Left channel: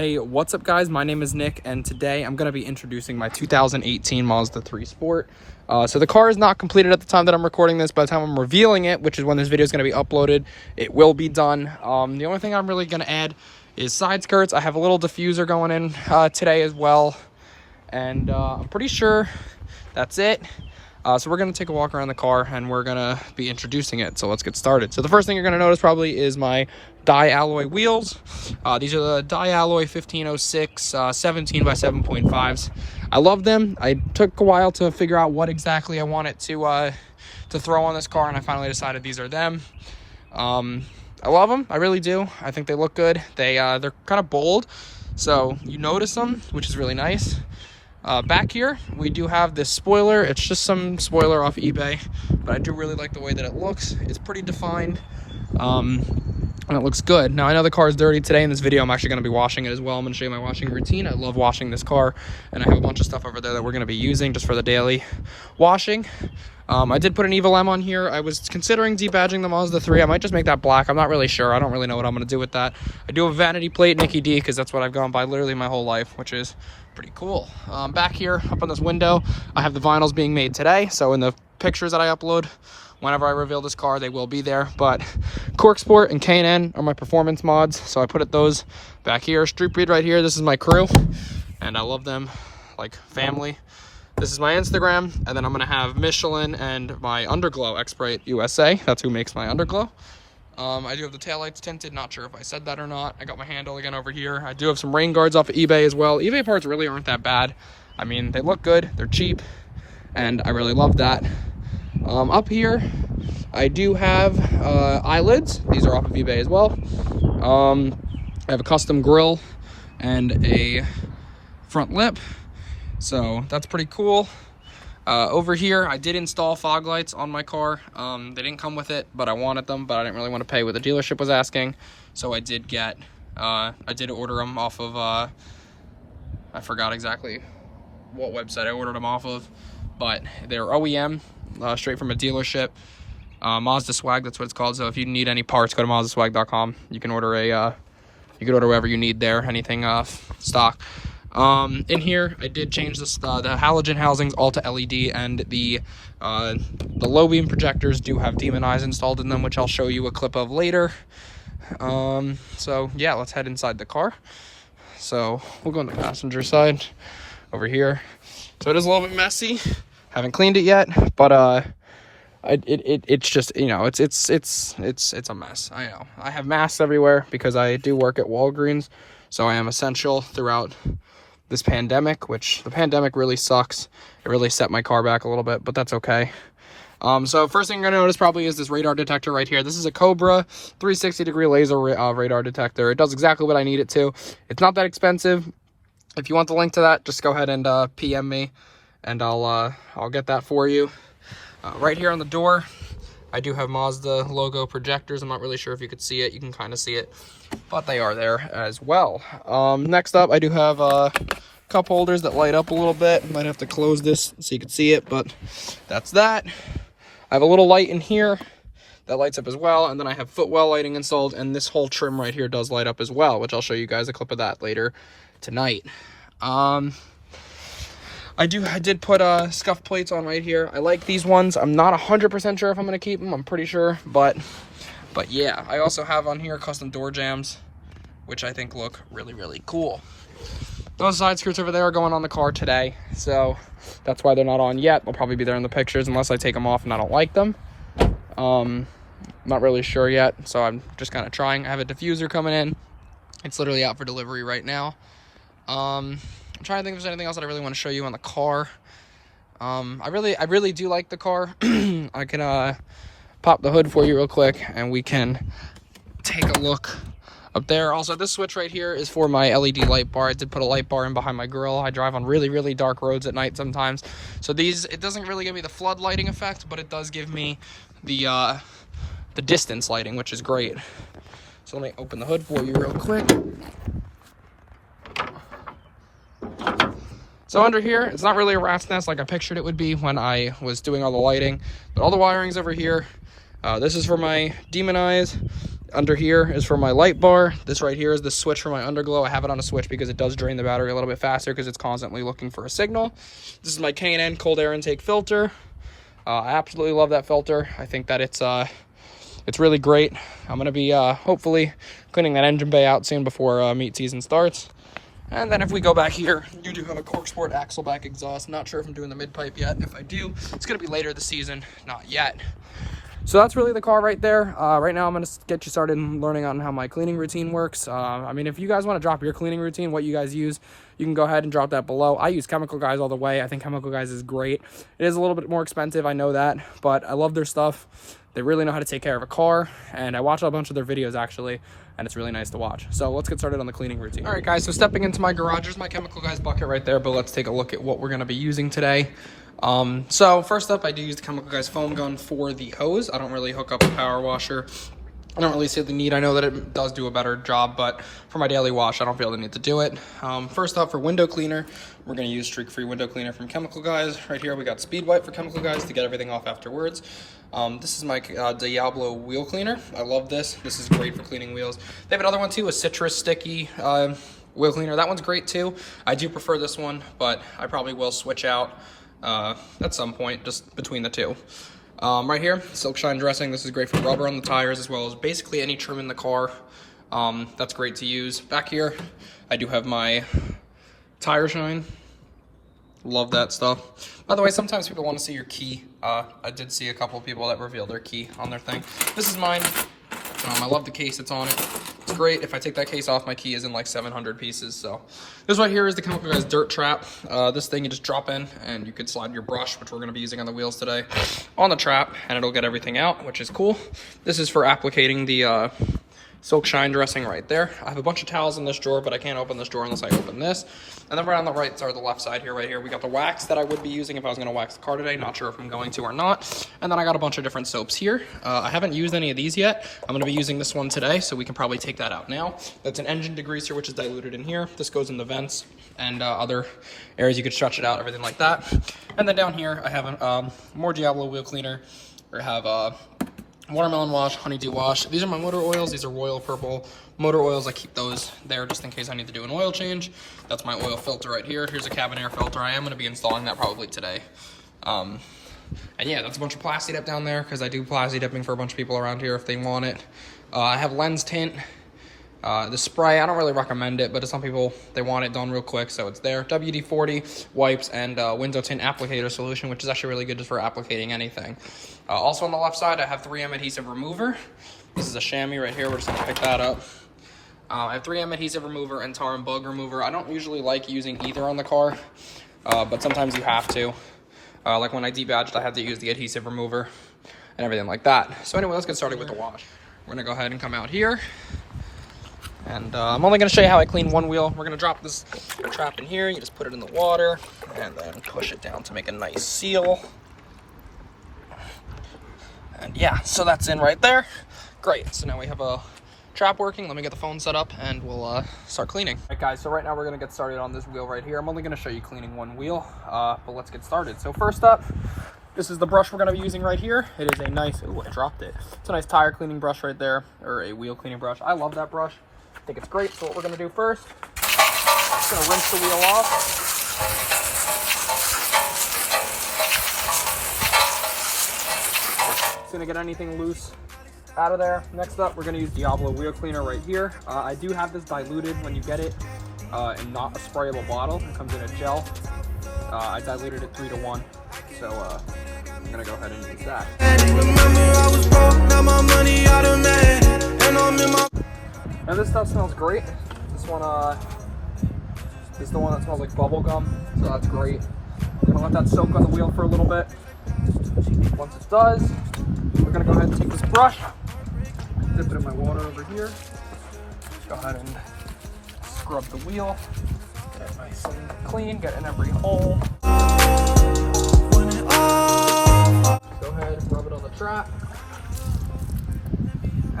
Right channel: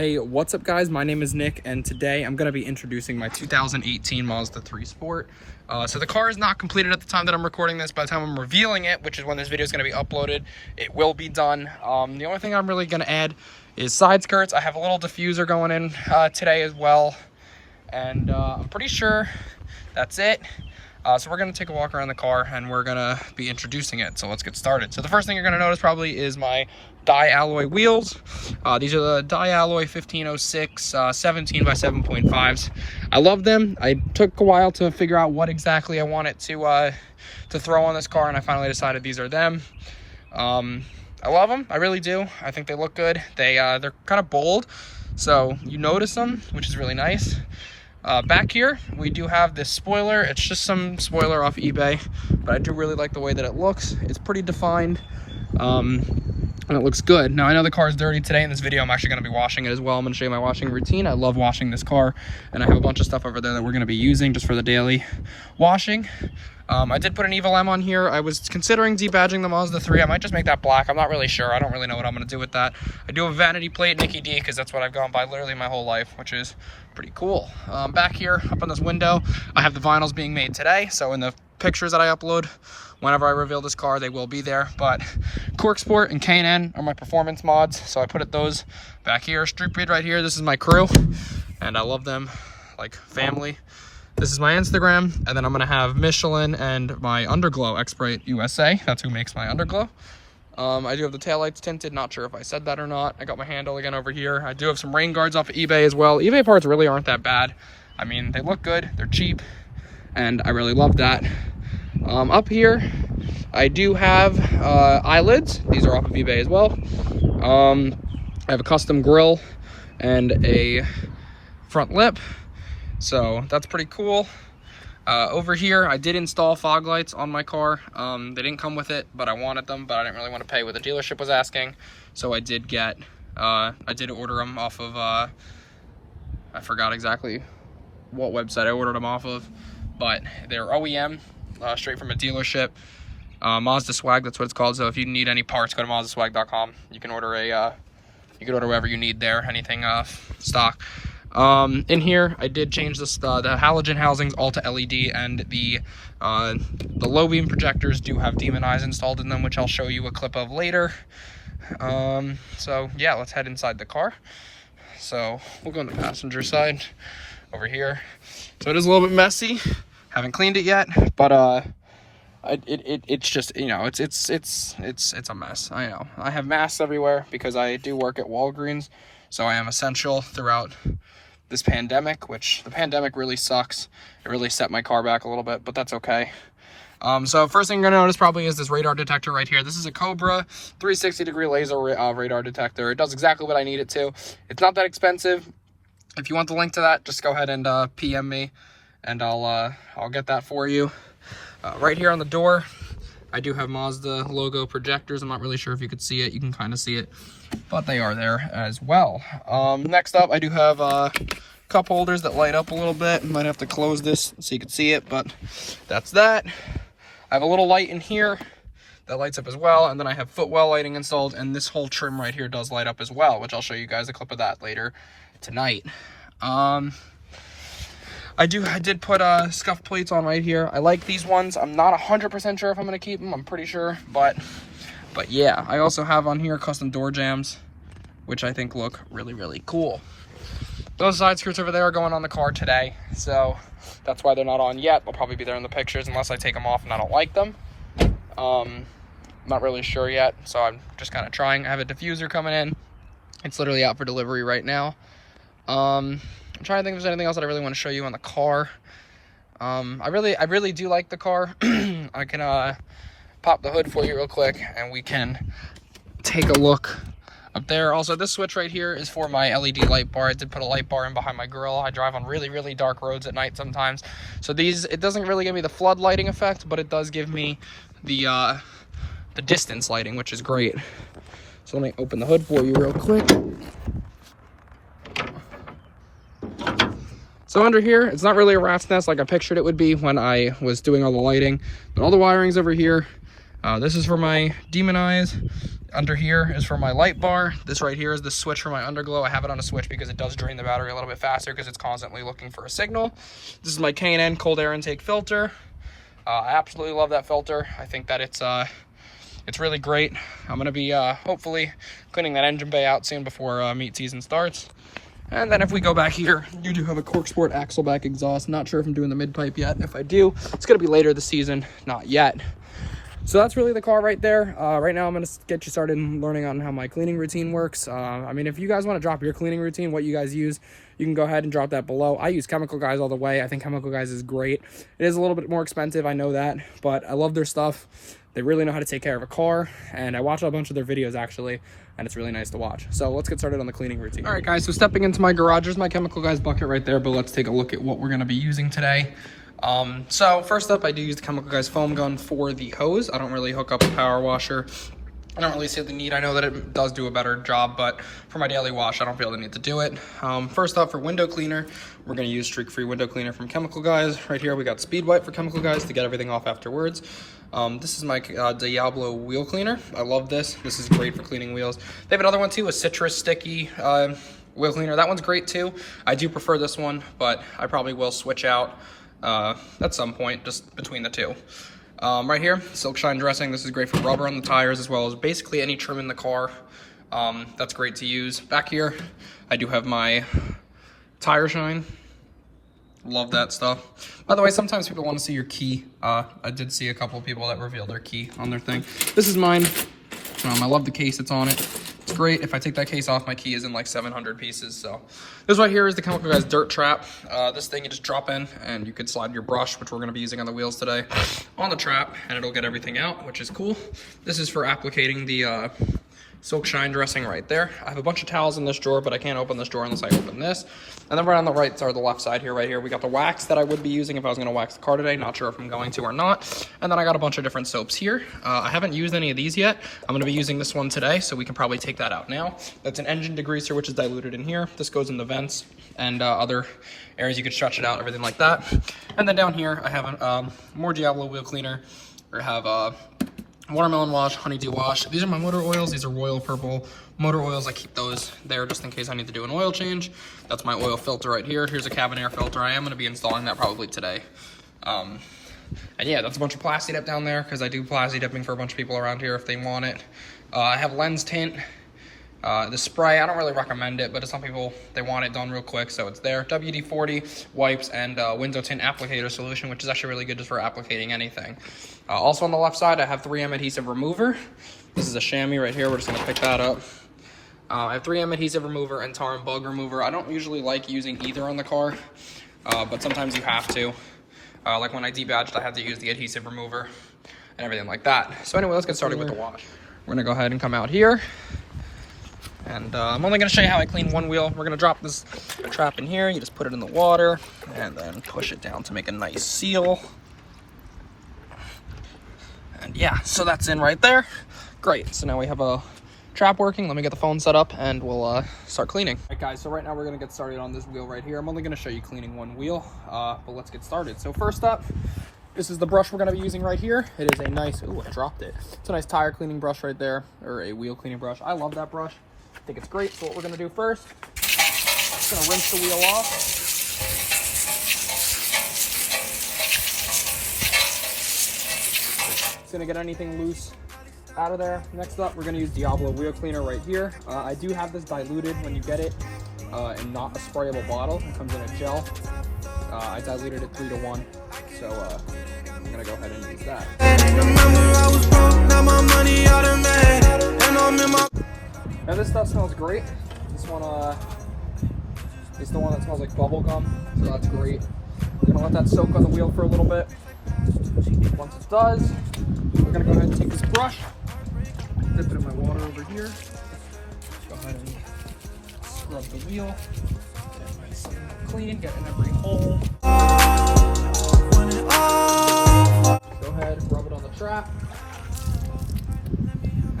Hey, what's up guys? My name is Nick and today I'm going to be introducing my 2018 Mazda 3 Sport. So the car is not completed at the time that I'm recording this. By the time I'm revealing it, which is when this video is going to be uploaded, it will be done. The only thing I'm really going to add is side skirts. I have a little diffuser going in today as well. And I'm pretty sure that's it. So we're going to take a walk around the car and we're going to be introducing it. So let's get started. So the first thing you're going to notice probably is my Di-Alloy wheels. These are the Di-Alloy 1506 17 by 7.5s. I love them. I took a while to figure out what exactly I wanted to throw on this car, and I finally decided these are them. I love them. I really do. I think they look good. They're kind of bold, so you notice them, which is really nice. Back here, we do have this spoiler. It's just some spoiler off eBay, but I do really like the way that it looks. It's pretty defined, and it looks good. Now, I know the car is dirty today. In this video, I'm actually going to be washing it as well. I'm going to show you my washing routine. I love washing this car, and I have a bunch of stuff over there that we're going to be using just for the daily washing. I did put an Evil M on here. I was considering debadging the Mazda 3. I might just make that black. I'm not really sure. I don't really know what I'm going to do with that. I do have a vanity plate, Nicky D, because that's what I've gone by literally my whole life, which is pretty cool. Back here, up on this window, I have the vinyls being made today. So in the pictures that I upload, whenever I reveal this car, they will be there. But Cork Sport and K&N are my performance mods, so I put those back here. Street Breed right here. This is my crew, and I love them like family. This is my Instagram, and then I'm gonna have Michelin and my Underglow X-Brite USA. That's who makes my Underglow. I do have the taillights tinted. Not sure if I said that or not. I got my handle again over here. I do have some rain guards off of eBay as well. eBay parts really aren't that bad. I mean, they look good. They're cheap, and I really love that. Up here, I do have eyelids. These are off of eBay as well. I have a custom grille and a front lip, so that's pretty cool. Over here, I did install fog lights on my car. They didn't come with it, but I wanted them, but I didn't really want to pay what the dealership was asking, so I did order them off of, I forgot exactly what website I ordered them off of, but they're OEM. Straight from a dealership. Mazda Swag, that's what it's called. So if you need any parts, go to mazdaswag.com. You can order whatever you need there, anything stock. In here, I did change the halogen housings all to LED, and the low beam projectors do have demon eyes installed in them, which I'll show you a clip of later. So yeah, let's head inside the car. So we'll go on the passenger side over here. So it is a little bit messy. Haven't cleaned it yet, but it's just, you know, it's a mess. I know. I have masks everywhere because I do work at Walgreens, so I am essential throughout this pandemic, which the pandemic really sucks. It really set my car back a little bit, but that's okay. So first thing you're gonna notice probably is this radar detector right here. This is a Cobra 360-degree laser radar detector. It does exactly what I need it to. It's not that expensive. If you want the link to that, just go ahead and PM me, and I'll get that for you. Right here on the door, I do have Mazda logo projectors. I'm not really sure if you could see it. You can kind of see it, but they are there as well. Next up, I do have cup holders that light up a little bit. Might have to close this so you can see it, but that's that. I have a little light in here that lights up as well, and then I have footwell lighting installed, and this whole trim right here does light up as well, which I'll show you guys a clip of that later tonight. I did put scuff plates on right here. I like these ones. I'm not 100% sure if I'm going to keep them. I'm pretty sure, but yeah. I also have on here custom door jams, which I think look really, really cool. Those side skirts over there are going on the car today, so that's why they're not on yet. They'll probably be there in the pictures unless I take them off and I don't like them. Not really sure yet, so I'm just kind of trying. I have a diffuser coming in. It's literally out for delivery right now. I'm trying to think if there's anything else that I really want to show you on the car. I really do like the car. I can pop the hood for you real quick, and we can take a look up there. Also, this switch right here is for my LED light bar. I did put a light bar in behind my grill. I drive on really, really dark roads at night sometimes. So it doesn't really give me the flood lighting effect, but it does give me the distance lighting, which is great. So let me open the hood for you real quick. So under here, it's not really a rat's nest like I pictured it would be when I was doing all the lighting, but all the wiring's over here. This is for my demon eyes, Under here is for my light bar. This right here is the switch for my underglow. I have it on a switch because it does drain the battery a little bit faster because it's constantly looking for a signal. This is my K&N cold air intake filter. I absolutely love that filter. I think that it's really great. I'm gonna be hopefully cleaning that engine bay out soon before meet season starts. And then if we go back here, you do have a Corksport Axleback exhaust. Not sure if I'm doing the mid pipe yet, and if I do, it's gonna be later this season, not yet. So that's really the car right there. Right now I'm gonna get you started learning on how my cleaning routine works. I mean, if you guys wanna drop your cleaning routine, what you guys use, you can go ahead and drop that below. I use Chemical Guys all the way. I think Chemical Guys is great. It is a little bit more expensive, I know that, but I love their stuff. They really know how to take care of a car, and I watch a bunch of their videos actually, and it's really nice to watch. So let's get started on the cleaning routine. All right guys, so stepping into my garage, there's my Chemical Guys bucket right there, but let's take a look at what we're gonna be using today. So first up, I do use the Chemical Guys foam gun for the hose. I don't really hook up a power washer. I don't really see the need. I know that it does do a better job, but for my daily wash, I don't feel the need to do it. First up, for window cleaner, we're gonna use streak-free window cleaner from Chemical Guys. Right here, we got Speed Wipe for Chemical Guys to get everything off afterwards. This is my Diablo wheel cleaner. I love this. This is great for cleaning wheels. They have another one too, a citrus sticky wheel cleaner. That one's great too. I do prefer this one, but I probably will switch out at some point, just between the two. Right here, Silk Shine dressing. This is great for rubber on the tires as well as basically any trim in the car. That's great to use. Back here, I do have my Tire Shine. Love that stuff. By the way, sometimes people want to see your key. I did see a couple of people that reveal their key on their thing. This is mine. I love the case that's on it. It's great. If I take that case off, my key is in like 700 pieces. So this right here is the Chemical Guys Dirt Trap. This thing you just drop in and you can slide your brush, which we're going to be using on the wheels today, on the trap, and it'll get everything out, which is cool. This is for applicating the Silk Shine dressing right there. I have a bunch of towels in this drawer, but I can't open this drawer unless I open this. And then right on the right, or the left side here, right here, we got the wax that I would be using if I was gonna wax the car today. Not sure if I'm going to or not. And then I got a bunch of different soaps here. I haven't used any of these yet. I'm gonna be using this one today, so we can probably take that out now. That's an engine degreaser, which is diluted in here. This goes in the vents and other areas you could stretch it out, everything like that. And then down here, I have more Diablo wheel cleaner. I have watermelon wash, honeydew wash. These are my motor oils. These are Royal Purple motor oils. I keep those there just in case I need to do an oil change. That's my oil filter right here. Here's a cabin air filter. I am going to be installing that probably today. And yeah, that's a bunch of Plasti Dip down there because I do Plasti Dipping for a bunch of people around here if they want it. I have lens tint. The spray, I don't really recommend it, but to some people, they want it done real quick, so it's there. WD-40 wipes and window tint applicator solution, which is actually really good just for applicating anything. Also on the left side, I have 3M adhesive remover. This is a chamois right here. We're just gonna pick that up. I have 3M adhesive remover and tar and bug remover. I don't usually like using either on the car, but sometimes you have to. Like when I debadged, I had to use the adhesive remover and everything like that. So anyway, let's get started with the wash. We're gonna go ahead and come out here. And I'm only going to show you how I clean one wheel. We're going to drop this trap in here. You just put it in the water and then push it down to make a nice seal. And yeah, so that's in right there. Great. So now we have a trap working. Let me get the phone set up and we'll start cleaning. All right, guys. So right now we're going to get started on this wheel right here. I'm only going to show you cleaning one wheel, but let's get started. So first up, this is the brush we're going to be using right here. It is a nice, ooh, I dropped it. It's a nice tire cleaning brush right there, or a wheel cleaning brush. I love that brush. I think it's great. So what we're going to do first, just going to rinse the wheel off. Just going to get anything loose out of there. Next up, we're going to use Diablo wheel cleaner right here. I do have this diluted when you get it and not a sprayable bottle. It comes in a gel. I diluted it 3 to 1. So I'm going to go ahead and use that. Remember I was broke, now my money automatic, and I'm in my... Now this stuff smells great. This one is the one that smells like bubble gum, so that's great. I'm gonna let that soak on the wheel for a little bit. Once it does, we're gonna go ahead and take this brush, dip it in my water over here. Go ahead and scrub the wheel, get it nice and clean, get in every hole. Go ahead and rub it on the trap.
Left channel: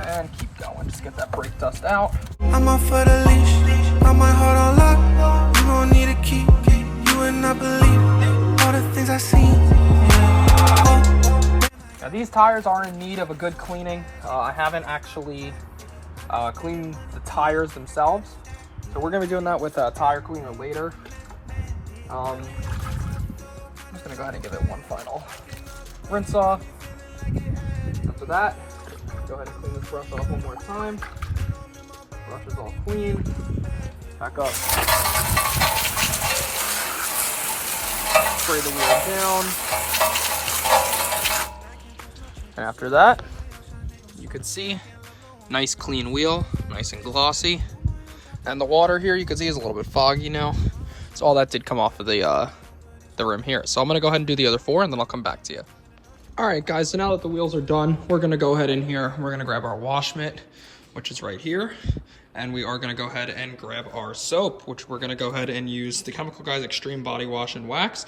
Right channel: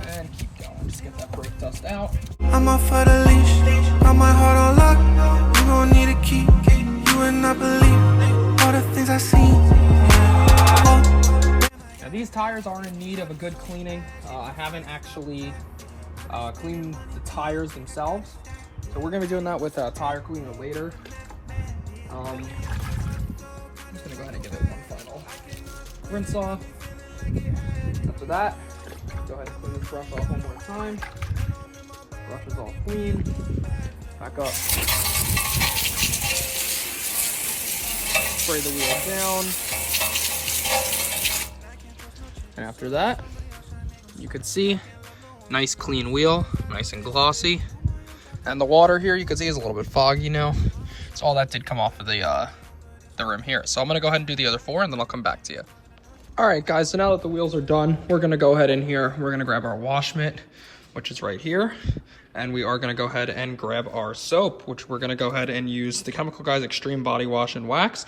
And keep going, just get that brake dust out. I'm off for the leash, got my heart on lock. You gon' need a key, you would not believe all the things I seen. Yeah. Oh. Now these tires are in need of a good cleaning. I haven't actually clean the tires themselves. So we're gonna be doing that with a tire cleaner later. I'm just gonna go ahead and give it one final rinse off. After that, go ahead and clean this brush off one more time. Brush is all clean. Back up. Spray the wheel down. And after that, you could see, nice clean wheel, nice and glossy. And the water here, you can see, is a little bit foggy now. So all that did come off of the rim here. So I'm gonna go ahead and do the other 4, and then I'll come back to you. All right, guys, so now that the wheels are done, we're gonna go ahead in here. We're gonna grab our wash mitt, which is right here. And we are gonna go ahead and grab our soap, which we're gonna go ahead and use the Chemical Guys Extreme Body Wash and Wax.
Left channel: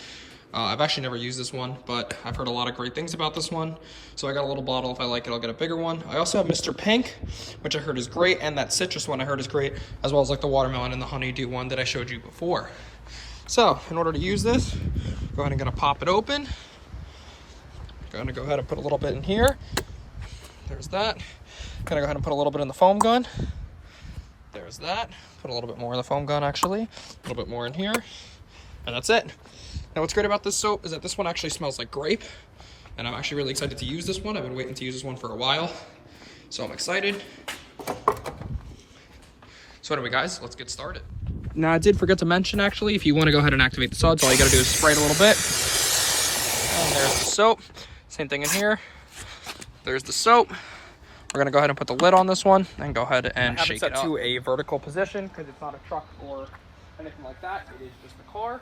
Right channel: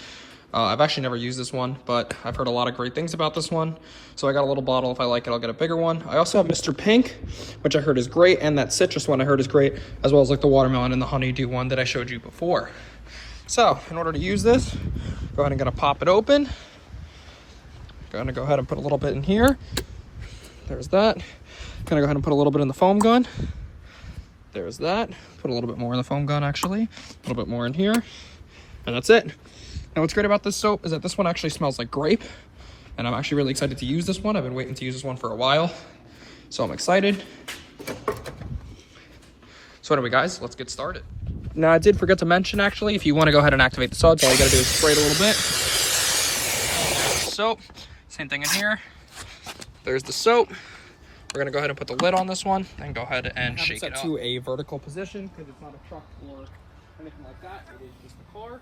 I've actually never used this one, but I've heard a lot of great things about this one. So I got a little bottle. If I like it, I'll get a bigger one. I also have Mr. Pink, which I heard is great, and that citrus one I heard is great, as well as like the watermelon and the honeydew one that I showed you before. So in order to use this, go ahead and gonna pop it open. Gonna go ahead and put a little bit in here. There's that. Gonna go ahead and put a little bit in the foam gun. There's that. Put a little bit more in the foam gun, actually. A little bit more in here. And that's it. Now what's great about this soap is that this one actually smells like grape, and I'm actually really excited to use this one. I've been waiting to use this one for a while, so I'm excited. So anyway, guys, let's get started. Now I did forget to mention, actually, if you want to go ahead and activate the suds, all you gotta do is spray it a little bit. There's the soap. Same thing in here. There's the soap. We're gonna go ahead and put the lid on this one and go ahead and shake it up. I have it set to a vertical position because it's not a truck or anything like that. It is just a car.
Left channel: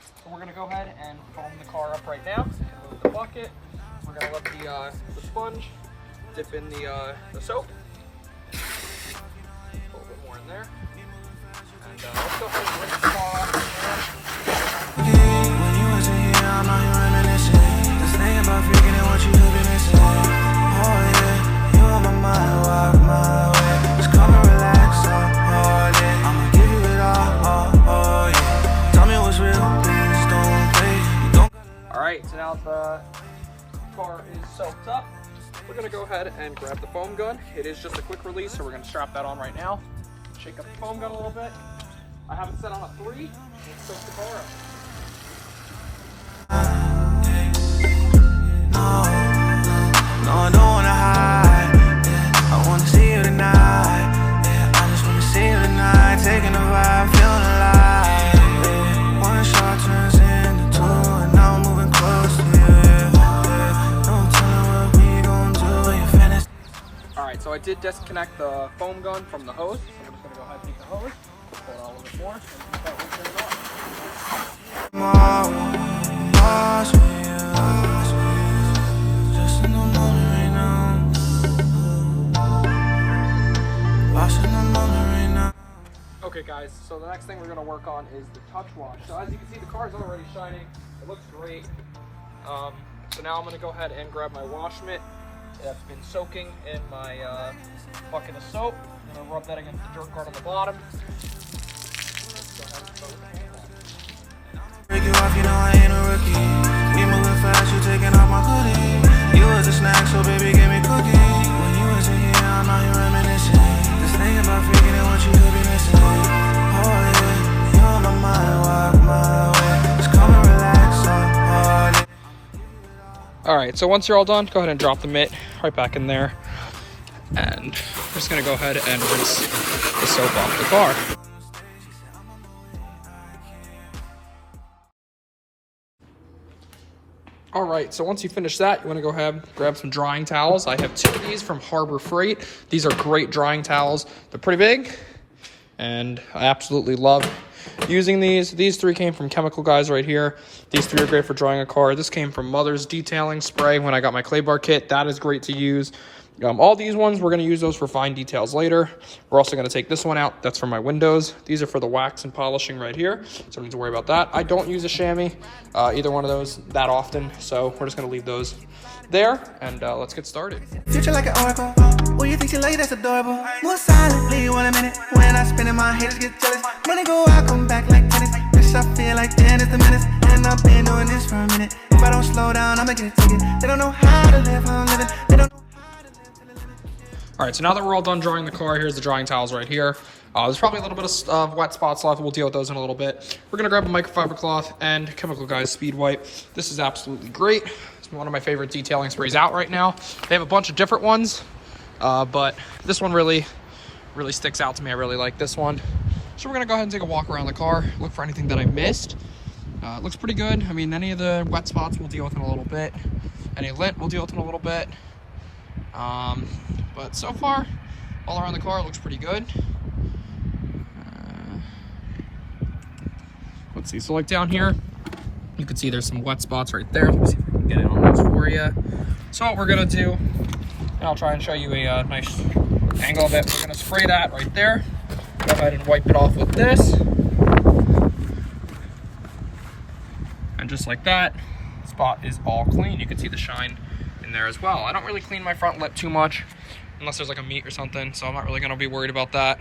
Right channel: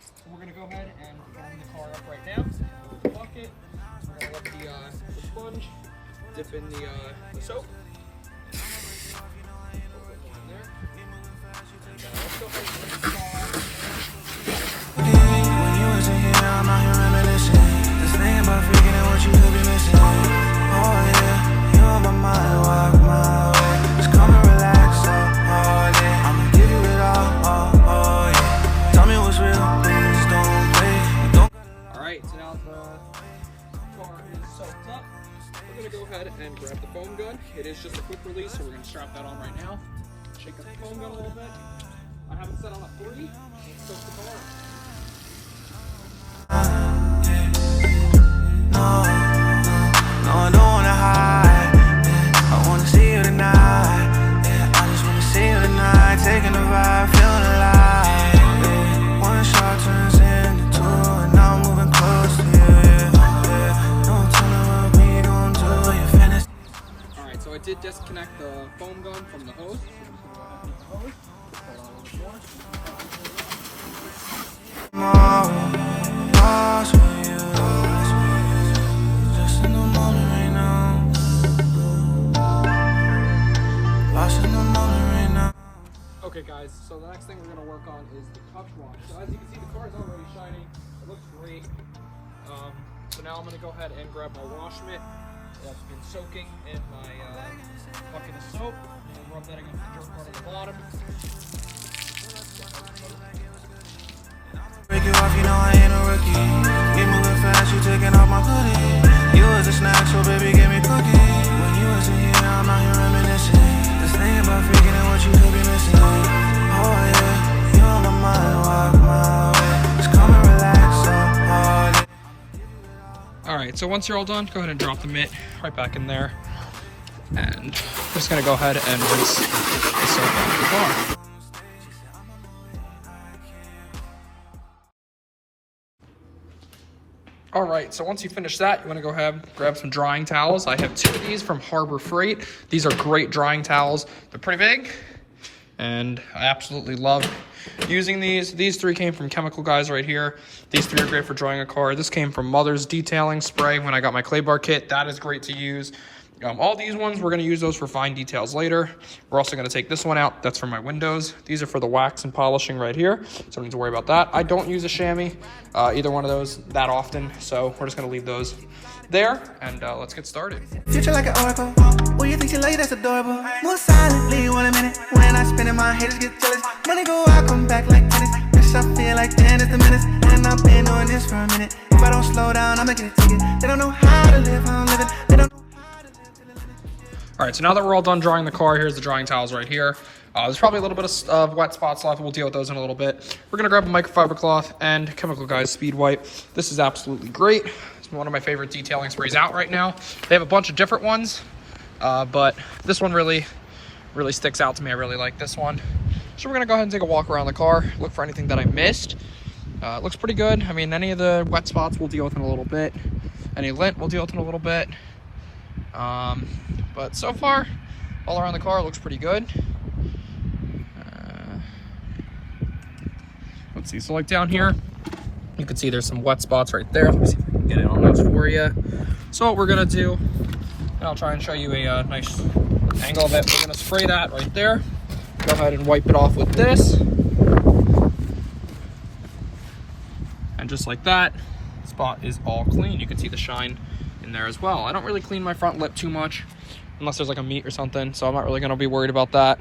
So we're gonna go ahead and foam the car up right now. Move the bucket. We're gonna let the sponge dip in the soap. A little bit more in there. And let's go ahead and rinse the car off. When you wasn't here, I'm out here reminiscing. Just thinking about freaking and what you could be missing. Oh yeah, you on my mind, walk my way. Just come and relax, oh yeah. I'ma give you it all, oh yeah. Tell me what's real, please don't play. You don't. Alright, so now the car is soaked up. We're gonna go ahead and grab the foam gun. It is just a quick release, so we're gonna strap that on right now. Shake up the foam gun a little bit. I have it set on a 3. Let's soak the car up. No, I don't wanna hide. Yeah, I wanna see you tonight. Yeah, I just wanna see you tonight. Taking a vibe, feeling alive. Yeah, one shot turns into 2, and now I'm moving close to you. Yeah, no telling what we gon' do. You finished. Alright, so I did disconnect the foam gun from the hose. So I'm just gonna go ahead and take the hose, pull it out a little bit more, and start rinsing it off. Tomorrow, lost with you. Just in the moment right now. Lost in the moment right now. Okay guys, so the next thing we're gonna work on is the touch wash. So as you can see, the car's already shining. It looks great. So now I'm gonna go ahead and grab my wash mitt that's been soaking in my bucket of soap. I'm gonna rub that against the dirt part on the bottom. Break you off, you know I ain't a rookie. We moving fast, you taking off my hoodie. You was a snack, so baby, give me cookie. When you wasn't here, I'm out here reminiscing. Just thinking about freaking and what you could be missing. Oh yeah, you on my mind, walk my way. Just come and relax, oh yeah. Alright, so once you're all done, go ahead and drop the mitt right back in there. And just gonna go ahead and rinse the soap off the car. All right, so once you finish that, you wanna go ahead, grab some drying towels. I have 2 of these from Harbor Freight. These are great drying towels. They're pretty big, and I absolutely love using these. These 3 came from Chemical Guys right here. These 3 are great for drying a car. This came from Mother's Detailing Spray when I got my clay bar kit. That is great to use. All these ones, we're gonna use those for fine details later. We're also gonna take this one out. That's for my windows. These are for the wax and polishing right here, so don't need to worry about that. I don't use a chamois, either one of those that often, so we're just gonna leave those there, and let's get started. Future like an oracle. Well, you think she late, that's adorable. More silently, 1 a minute. When I spin it, my haters get jealous. Money go out, come back like tennis. Bitch, I feel like 10 is the minutes. And I've been doing this for a minute. If I don't slow down, I'ma get a ticket. They don't know how to live, how I'm living. They don't know. All right, so now that we're all done drying the car, here's the drying towels right here. There's probably a little bit of wet spots left. We'll deal with those in a little bit. We're gonna grab a microfiber cloth and Chemical Guys Speed Wipe. This is absolutely great. It's one of my favorite detailing sprays out right now. They have a bunch of different ones, but this one really sticks out to me. I really like this one. So we're gonna go ahead and take a walk around the car, look for anything that I missed. It looks pretty good. I mean, any of the wet spots we'll deal with in a little bit. Any lint we'll deal with in a little bit. But so far, all around the car, it looks pretty good. Let's see, so like down here, you can see there's some wet spots right there. Let me see if I can get it on those for you. So what we're gonna do, and I'll try and show you a nice angle of it. We're gonna spray that right there. Go ahead and wipe it off with this. And just like that, the spot is all clean. You can see the shine in there as well. I don't really clean my front lip too much unless there's like a meet or something, so I'm not really gonna be worried about that.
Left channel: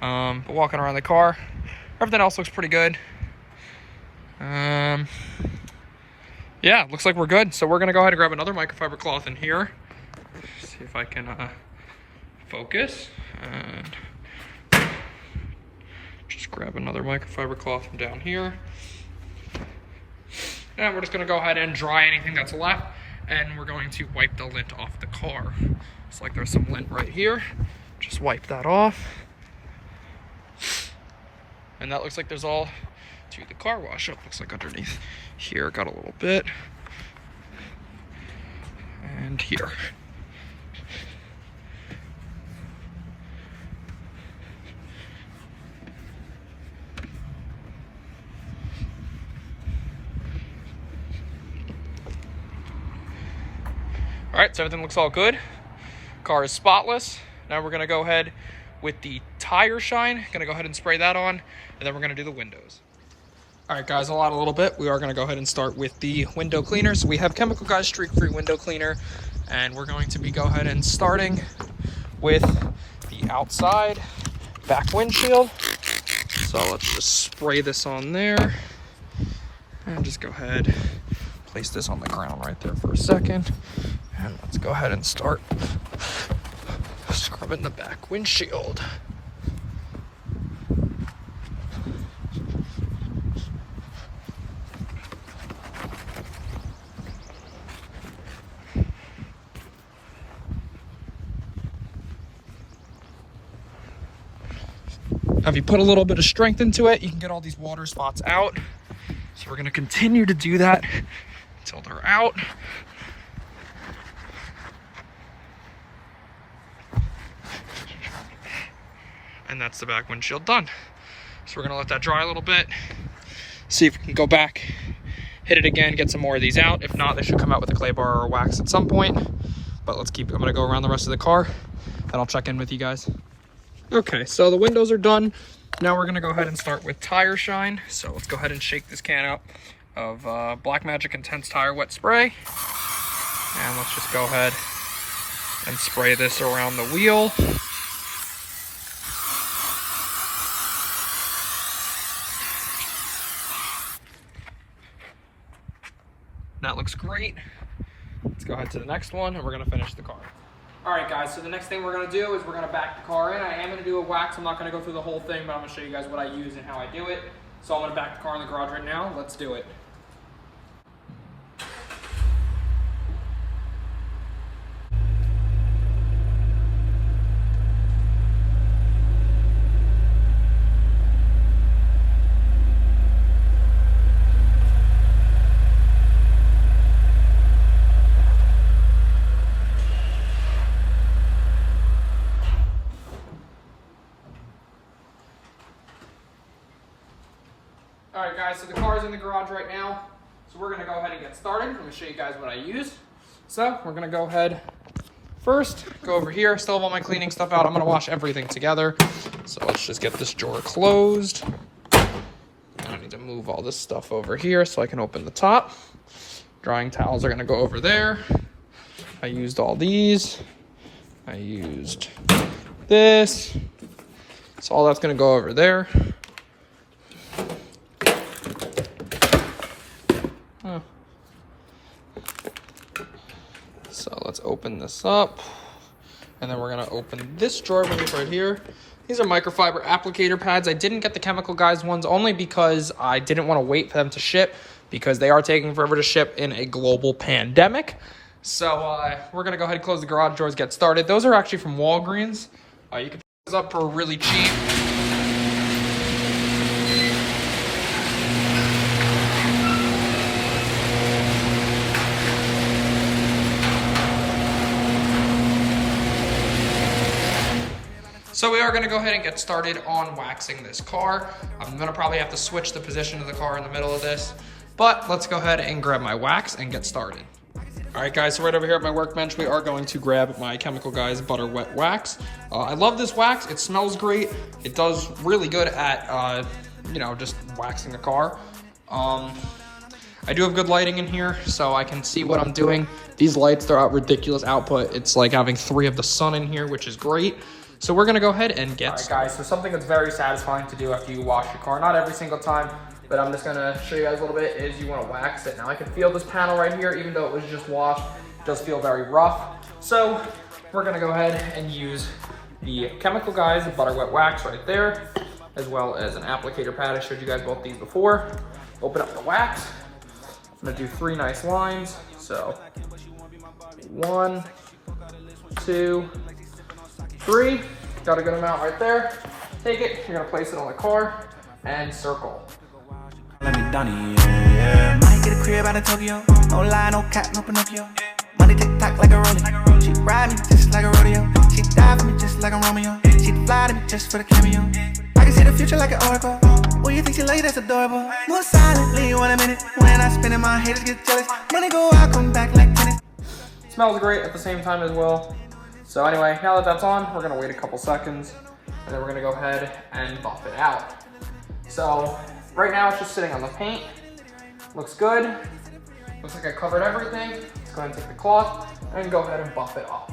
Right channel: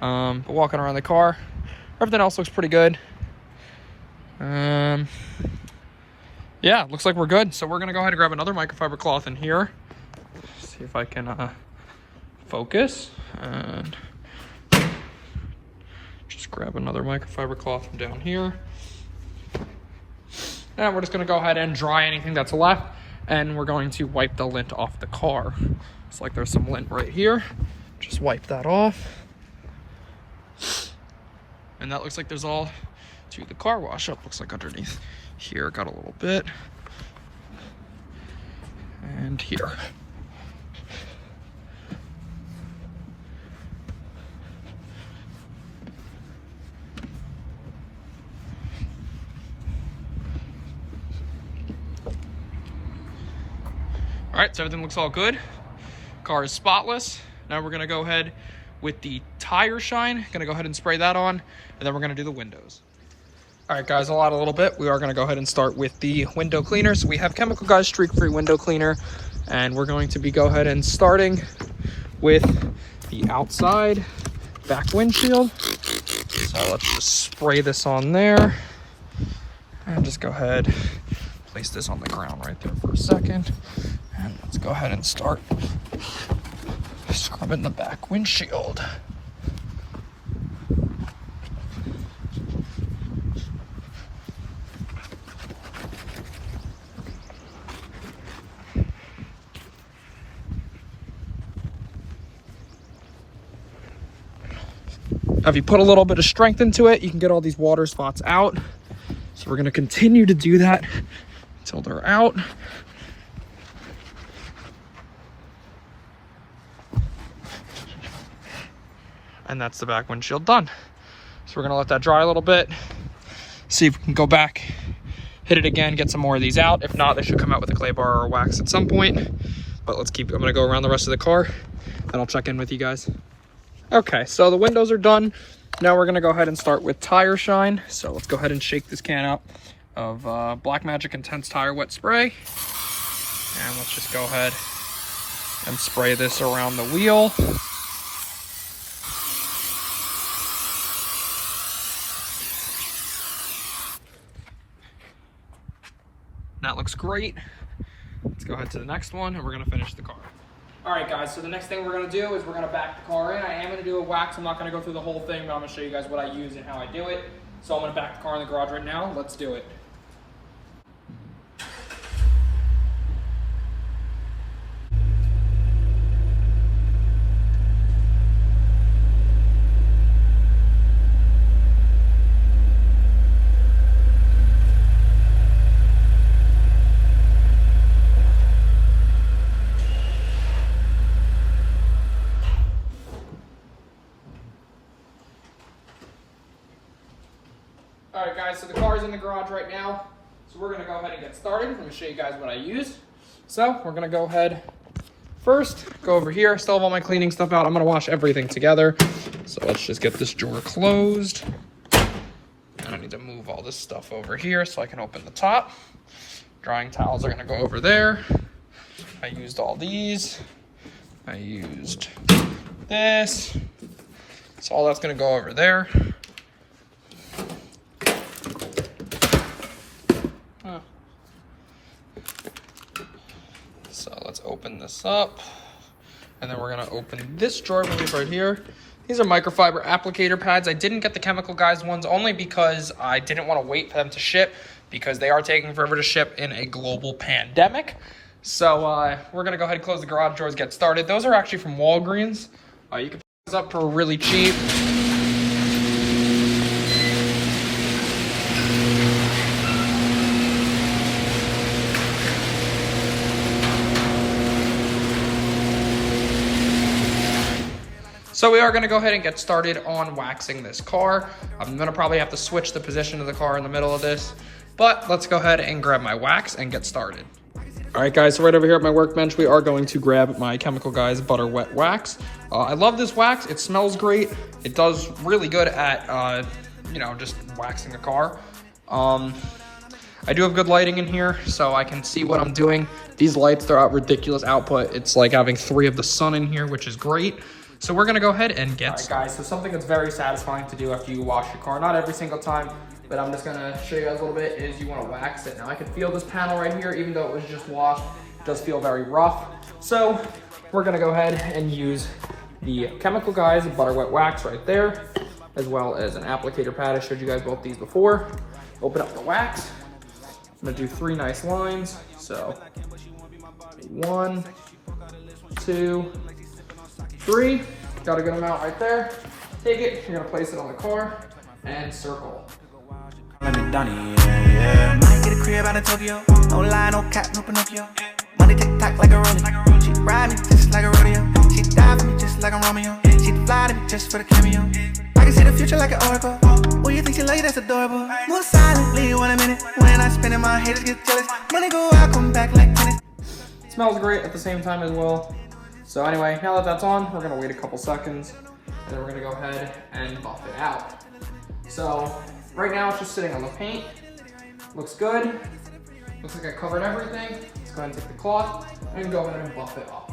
But walking around the car, everything else looks pretty good. Yeah, looks like we're good. So we're gonna go ahead and grab another microfiber cloth in here. See if I can focus. And just grab another microfiber cloth from down here. And we're just gonna go ahead and dry anything that's left. And we're going to wipe the lint off the car. It's like there's some lint right here. Just wipe that off. And that looks like there's all to the car wash up. Looks like underneath here, got a little bit. And here. All right, so everything looks all good. Car is spotless. Now we're gonna go ahead with the tire shine. Gonna go ahead and spray that on, and then we're gonna do the windows. All right, guys, a little bit. We are gonna go ahead and start with the window cleaner. So we have Chemical Guys Streak-Free Window Cleaner, and we're going to be go ahead and starting with the outside back windshield. So let's just spray this on there, and just go ahead, place this on the ground right there for a second. And let's go ahead and start scrubbing the back windshield. Now, if you put a little bit of strength into it, you can get all these water spots out. So we're gonna continue to do that until they're out. And that's the back windshield done. So we're gonna let that dry a little bit, see if we can go back, hit it again, get some more of these out. If not, they should come out with a clay bar or wax at some point. But I'm gonna go around the rest of the car and I'll check in with you guys. Okay, so the windows are done. Now we're gonna go ahead and start with tire shine. So let's go ahead and shake this can out of Blackmagic Intense Tire Wet Spray. And let's just go ahead and spray this around the wheel. That looks great. Let's go ahead to the next one and we're gonna finish the car. All right, guys, so the next thing we're gonna do is we're gonna back the car in. I am gonna do a wax. I'm not gonna go through the whole thing, but I'm gonna show you guys what I use and how I do it. So I'm gonna back the car in the garage right now. Let's do it. All right, guys, so the car is in the garage right now. So we're gonna go ahead and get started. Let me show you guys what I used. So we're gonna go ahead first, go over here. Still have all my cleaning stuff out. I'm gonna wash everything together. So let's just get this drawer closed. I need to move all this stuff over here so I can open the top. Drying towels are gonna go over there. I used all these. I used this. So all that's gonna go over there. So let's open this up. And then we're gonna open this drawer right here. These are microfiber applicator pads. I didn't get the Chemical Guys ones only because I didn't want to wait for them to ship, because they are taking forever to ship in a global pandemic. So we're gonna go ahead and close the garage doors, get started. Those are actually from Walgreens. You can pick those up for really cheap. So we are going to go ahead and get started on waxing this car. I'm going to probably have to switch the position of the car in the middle of this, but let's go ahead and grab my wax and get started. All right, guys, so right over here at my workbench, we are going to grab my Chemical Guys Butter Wet Wax. I love this wax. It smells great. It does really good at, you know, just waxing the car. I do have good lighting in here, so I can see what I'm doing. These lights, they're out ridiculous output. It's like having 3 of the sun in here, which is great. So we're gonna go ahead and get started. Guys, so something that's very satisfying to do after you wash your car, not every single time, but I'm just gonna show you guys a little bit, is you wanna wax it. Now I can feel this panel right here, even though it was just washed, it does feel very rough. So we're gonna go ahead and use the Chemical Guys Butter Wet Wax right there, as well as an applicator pad. I showed you guys both these before. Open up the wax. I'm gonna do 3 nice lines. So 1, 2, 3, got a good amount right there. Take it, you're gonna place it on the car and circle. Let me Donnie, yeah. Might get a crib out of Tokyo. No lie, no cap, no Pinocchio. Money tick tock like a rollie. She ride me just like a rodeo. She die for me just like a Romeo. She'd fly to me just for the cameo. I can see the future like an oracle. What you think she like? That's adorable. More silently, 1 minute. When I spin it, my haters get jealous. Money go out, come back like tennis. Smells great at the same time as well. So anyway, now that that's on, we're gonna wait a couple seconds, and then we're gonna go ahead and buff it out. So right now it's just sitting on the paint. Looks good. Looks like I covered everything. Let's go ahead and take the cloth and go ahead and buff it off.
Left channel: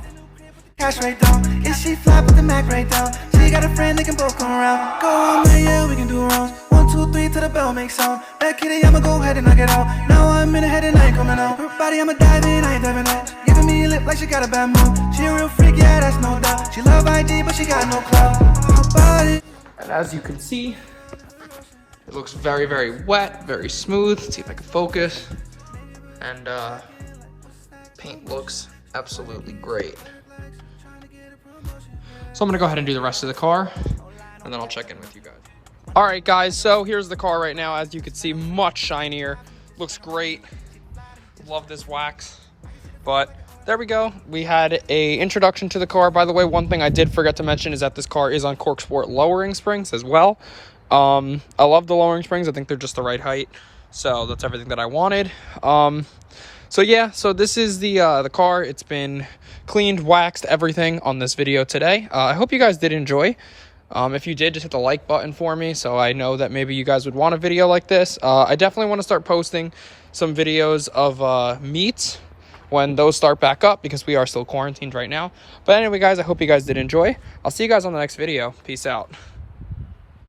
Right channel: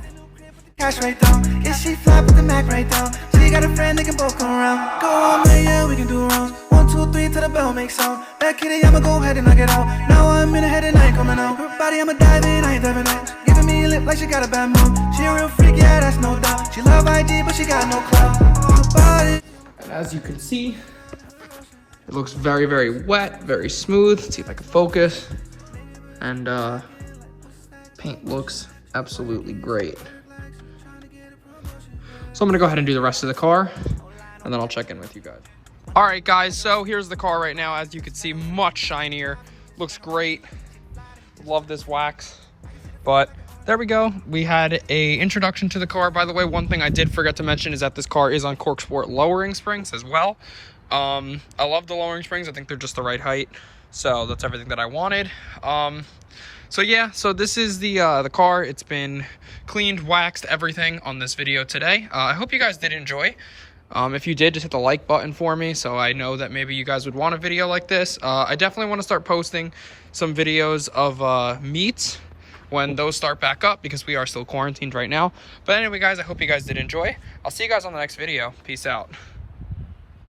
Cash right down, yeah, she fly with the Mac right down. She got a friend, they can both come around. Go on, man, yeah, we can do rounds. 1, 2, 3 till the bell makes sound. That kitty, I'ma go ahead and knock it out. Now I'm in the head and I ain't coming out. Her body, I'ma dive in, I ain't diving out. Giving me a lip like she got a bad move. She a real freak, yeah, that's no doubt. She love IG, but she got no clout. Her body. And as you can see, it looks very, very wet, very smooth. Let's see if I can focus. And paint looks absolutely great. So I'm gonna go ahead and do the rest of the car, and then I'll check in with you guys. All right, guys, so here's the car right now. As you can see, much shinier, looks great. Love this wax, but there we go. We had a introduction to the car. By the way, one thing I did forget to mention is that this car is on Cork Sport lowering springs as well. I love the lowering springs. I think they're just the right height, so that's everything that I wanted. So yeah, so this is the car. It's been cleaned, waxed, everything on this video today. I hope you guys did enjoy. If you did, just hit the like button for me so I know that maybe you guys would want a video like this. I definitely want to start posting some videos of meets when those start back up, because we are still quarantined right now. But anyway, guys, I hope you guys did enjoy. I'll see you guys on the next video. Peace out.